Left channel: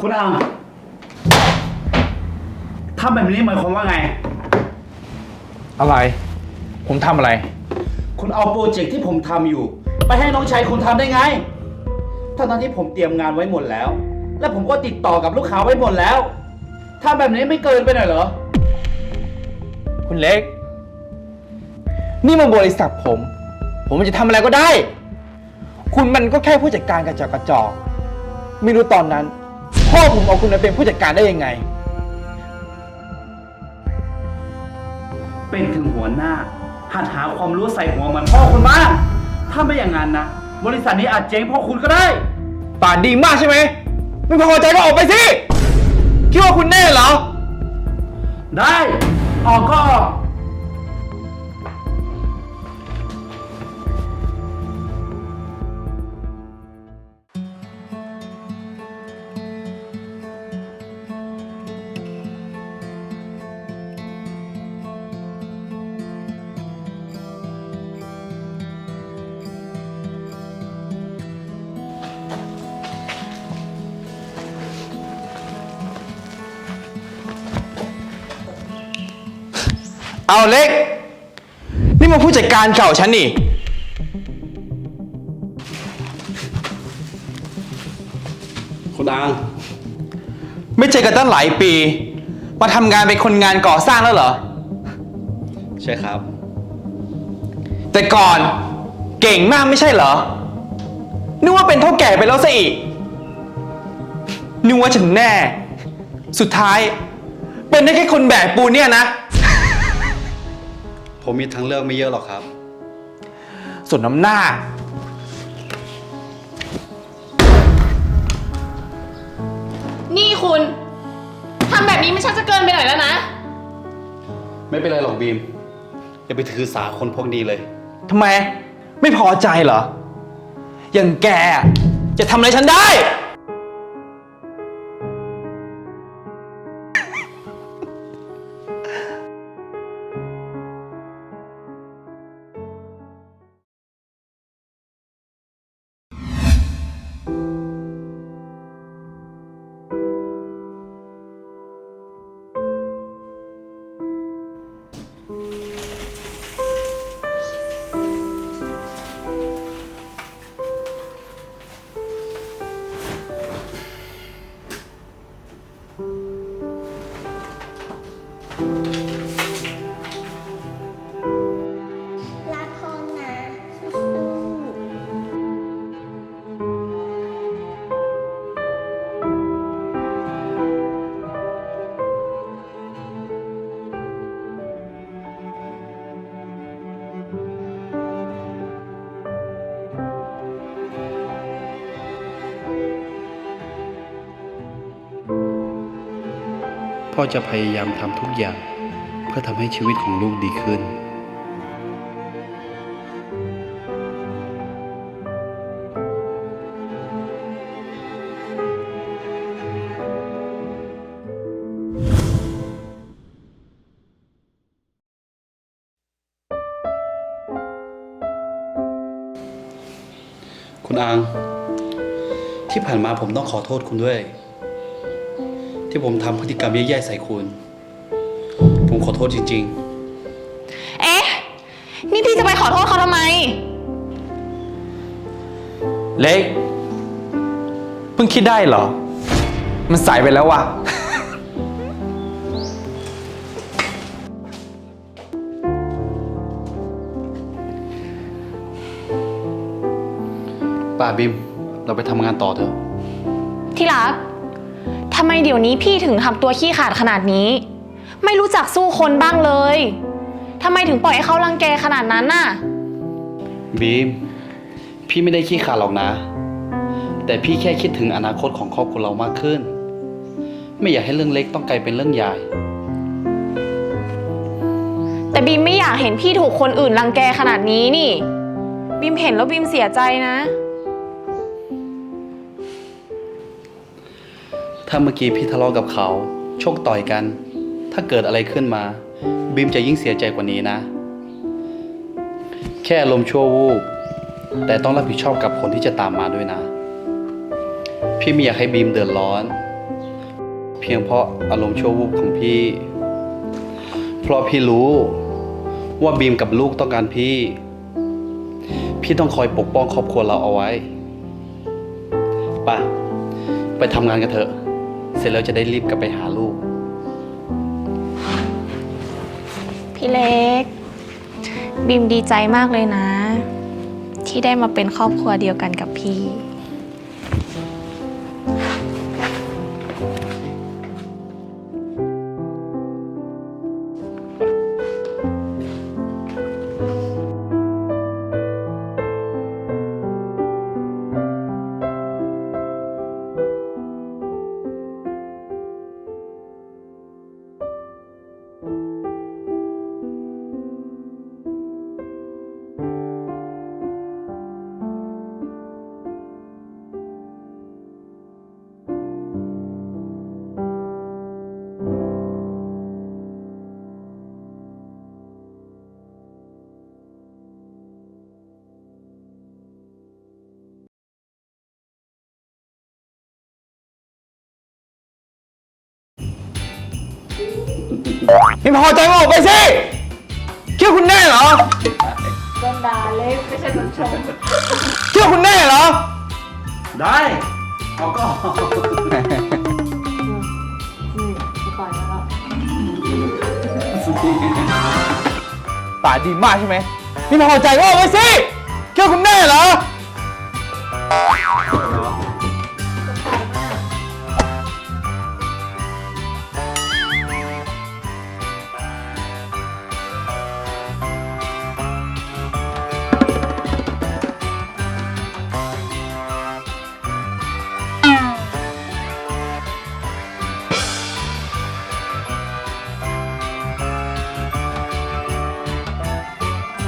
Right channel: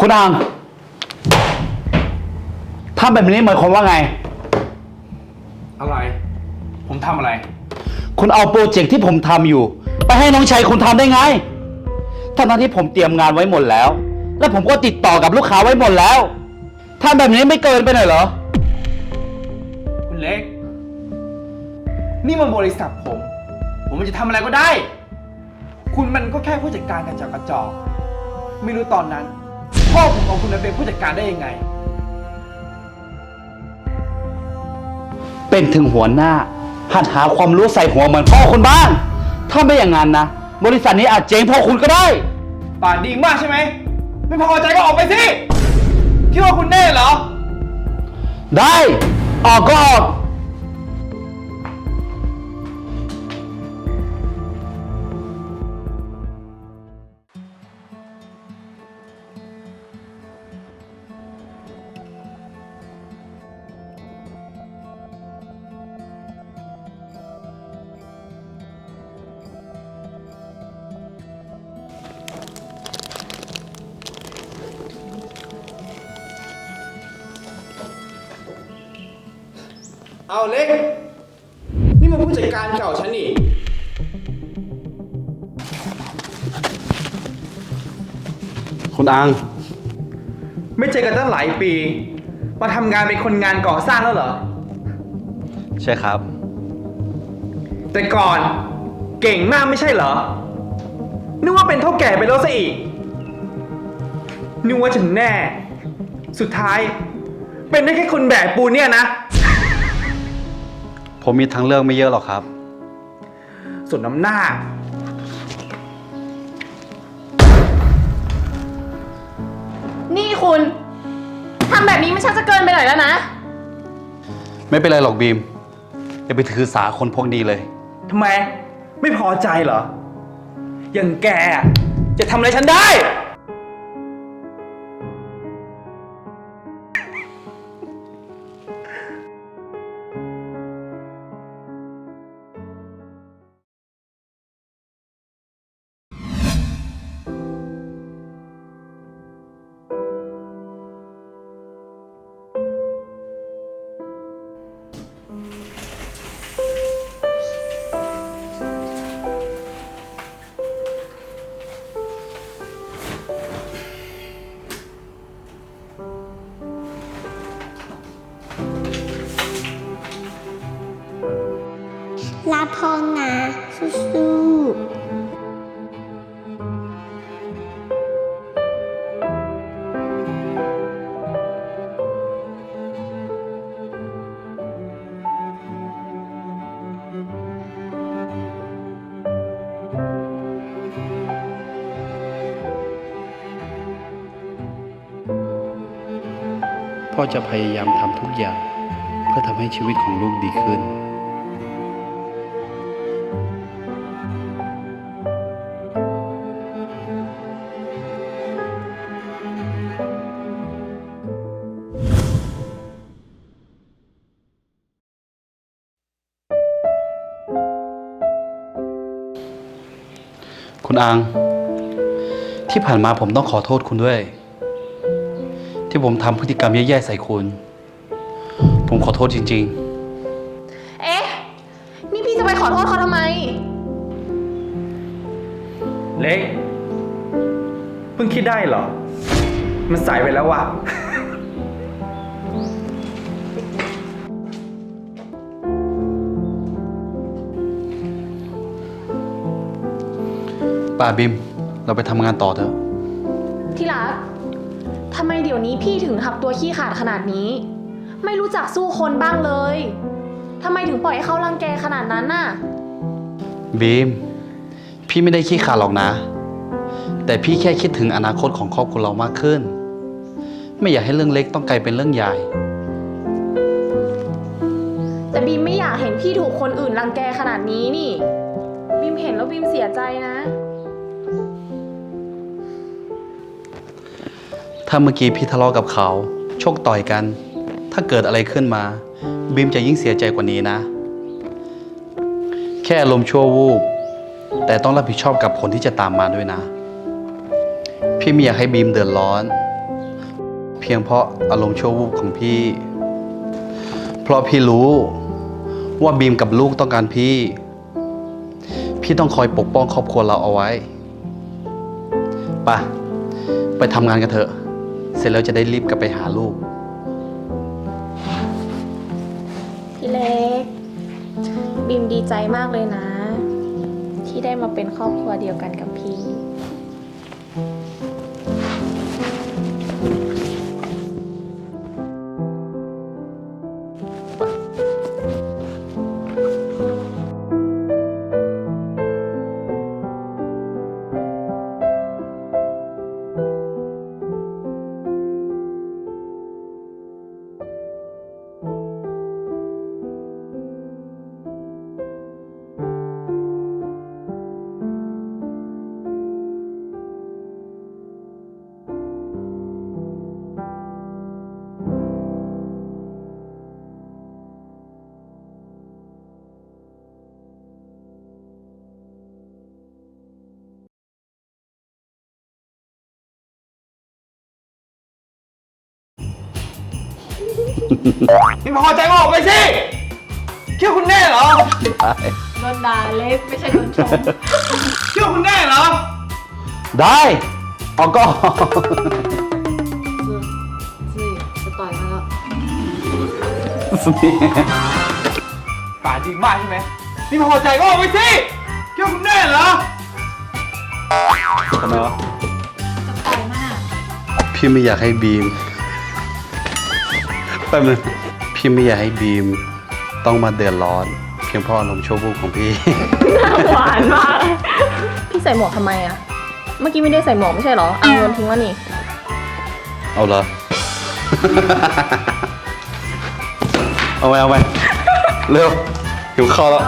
คุณอางทำแบบนี้หมายความว่าไง อะไร ผมทำอะไร คุณเอาโปรเจกต์ที่ผมทำอยู่ ไปให้น้องชายคุณทำได้ไงทั้งๆที่ผมเตรียมงานไว้หมดแล้ว และผมก็ติดต่อกับลูกค้าไว้หมดแล้วทำแบบนี้ไม่เกินไปหน่อยเหรอ คุณเล็ก นี่มันบริษัทผม ผมจะทำอะไรก็ได้ คุณมันก็แค่ผู้จัดการกระจอกกระจอก ไม่รู้ตอนนั้น พ่อผมเอาคุณมาเป็นผู้จัดการได้ยังไง เป็นถึงหัวหน้า หัดหาความรู้ใส่หัวเหมือนพ่อคุณบ้าง ถ้าไม่อย่างนั้นนะ บริษัทนี้อาจเจ๊งเพ่อคุณก็ได้ ป่านดีมากใช่ไหม ไม่พอใจก็ออกไปสิ คิดว่าคุณแน่เหรอ ได้ ออกก็ออก เอาเล็ก นี่มันผู้จัดการเก่าฉันนี่ คุณอัง ไม่เจอกันตั้งหลายปี มาทำงานเป็นคนงานก่อสร้างแล้วเหรอ ใช่ครับ แต่ก่อนเก่งมากไม่ใช่เหรอ นึกว่าเป็นเท่าแก่ไปแล้วซะอีก นึกว่าฉันแน่ สุดท้าย เป็นได้แค่คนแบกปูนเนี่ยนะ ผมมีทางเลือกไม่เยอะหรอกครับ ส่วนน้ำหน้า นี่คุณทำแบบนี้มันชักจะเกินไปหน่อยแล้วนะ ไม่เป็นไรหรอกบีม อย่าไปถือสาคนพวกนี้เลย ทำไม ไม่พอใจเหรอ อย่างแกอะจะทำอะไรฉันได้ รักพ่อนะสู้ๆพ่อจะพยายามทำทุกอย่าง เพื่อทำให้ชีวิตของลูกดีขึ้น คุณอังที่ผ่านมาผมต้องขอโทษคุณด้วย ที่ผมทำพฤติกรรมแย่ๆใส่คุณ ผมขอโทษจริง เอ๊ะ นี่พี่จะไปขอโทษเขาทำไมเล็ก เพิ่งคิดได้เหรอ มันสายไปแล้วว่ะ บิมเราไปทำงานต่อเถอะ ที่รักทำไมเดี๋ยวนี้พี่ถึงทำตัวขี้ขลาดขนาดนี้ ไม่รู้จักสู้คนบ้างเลยทำไมถึงปล่อยให้เขารังแกขนาดนั้นน่ะ บีม พี่ไม่ได้ขี้ขลาดหรอกนะ แต่พี่แค่คิดถึงอนาคตของครอบครัวเรามากขึ้น ไม่อยากให้เรื่องเล็กต้องกลายเป็นเรื่องใหญ่ แต่บีมไม่อยากเห็นพี่ถูกคนอื่นรังแกขนาดนี้นี่ บีมเห็นแล้วบีมเสียใจนะ ถ้าเมื่อกี้พี่ทะเลาะกับเขาโชคต่อยกัน ถ้าเกิดอะไรขึ้นมา บีมจะยิ่งเสียใจกว่านี้นะ แค่อารมณ์ชั่ววูบ แต่ต้องรับผิดชอบกับผลที่จะตามมาด้วยนะ พี่ไม่อยากให้บีมเดือดร้อน เพียงเพราะอารมณ์ชั่ววูบของพี่ เพราะพี่รู้ ว่าบีมกับลูกต้องการพี่ พี่ต้องคอยปกป้องครอบครัวเราเอาไว้ไปไปทำงานกันเถอะ เสร็จแล้วจะได้รีบกลับไปหาลูก พี่เล็ก บีมดีใจมากเลยนะ ที่ได้มาเป็นครอบครัวเดียวกันกับพี่ ไม่พอใจก็ออกไปสิคิดว่าคุณแน่เหรอโดนด่าเล็กไม่ใช่โดนชมคิดว่าคุณแน่เหรอ ได้เอาก็ป่าจริงมากใช่ไหมนี่พอใจก็ออกไปสิคิดว่าคุณแน่เหรอจะต่อยมาก พี่ไม่อยากให้บีม แป๊บนึงพี่ไม่อยากให้บีมต้องมาเดือดร้อน เพียงเพราะอารมณ์ชั่ววูบของพี่ หวานมากพี่ใส่หมวกทำไมอะเมื่อกี้ไม่ได้ใส่หมวกไม่ใช่เหรอเอาเงินทิ้งแล้วนี่เอาละเอาไปเอาไปเร็วหิวข้าวแล้ว